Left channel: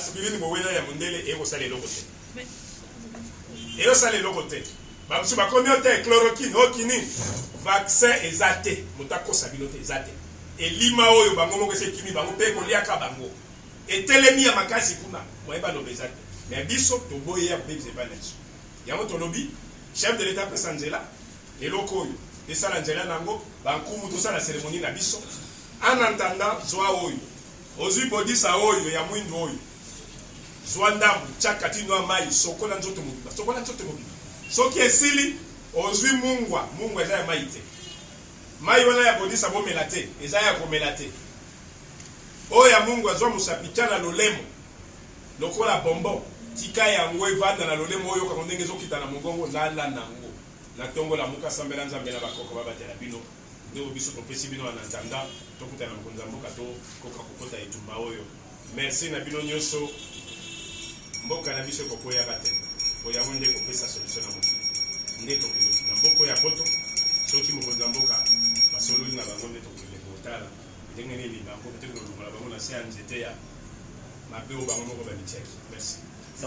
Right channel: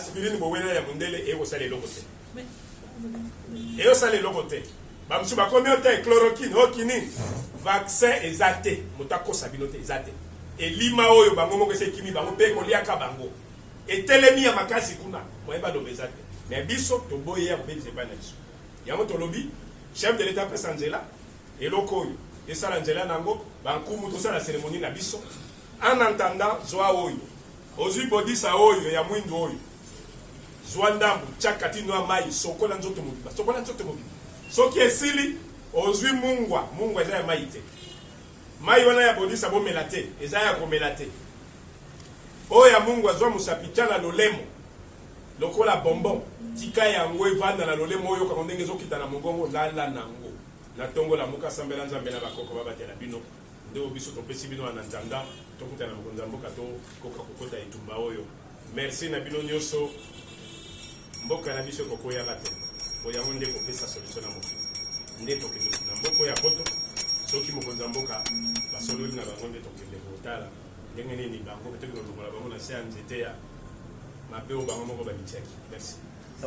aspirine bowena ya mundele et osale lokote et osale lokote ba msu ba communauté chloroquine okini vaccin ezate mutako sabinote ezate elima oyo bango moko se kimi bango pe koliaka bango etelemi ya makasi kuna moyeba lobezate mais biso toboye ya bebze bana biso yango tolobi chef de l'état pesa nzela eloko oyo esala nzela nango bankumu tosala cérémonie na biso en entendant zwa oyo ozwi bodisa oyo ya mwindu oyo zwa ndambu chakati no mai sokola nzoto mobiba sokola nzoto mobiba soki esili ozwi mungwa eza ya mai te mai wana ya bodisa bomela te eza ya komela te oyo ya mungwa zwa musapika na lolemo lokola bonbon tika yango evanda na lolemo oyo kako ndenge ezokita na mongongo lala nango na tongo la muka sambela nzambe na bakoko babatela bino nde biso topesi bino na ntanda tokutana mokonza mboka to koka kokota etumba oyo merci na bino nyonso mboka na biso kokoya kate oyango nde kopesa solution na mokili nde tokende na mboko ya poto soki mokonza mboka basololi na bango nde tokende kotala ndenge nini bango peut-être lolokola bango na se ya nzete ya mabe oyo bango moko bamitiaki merci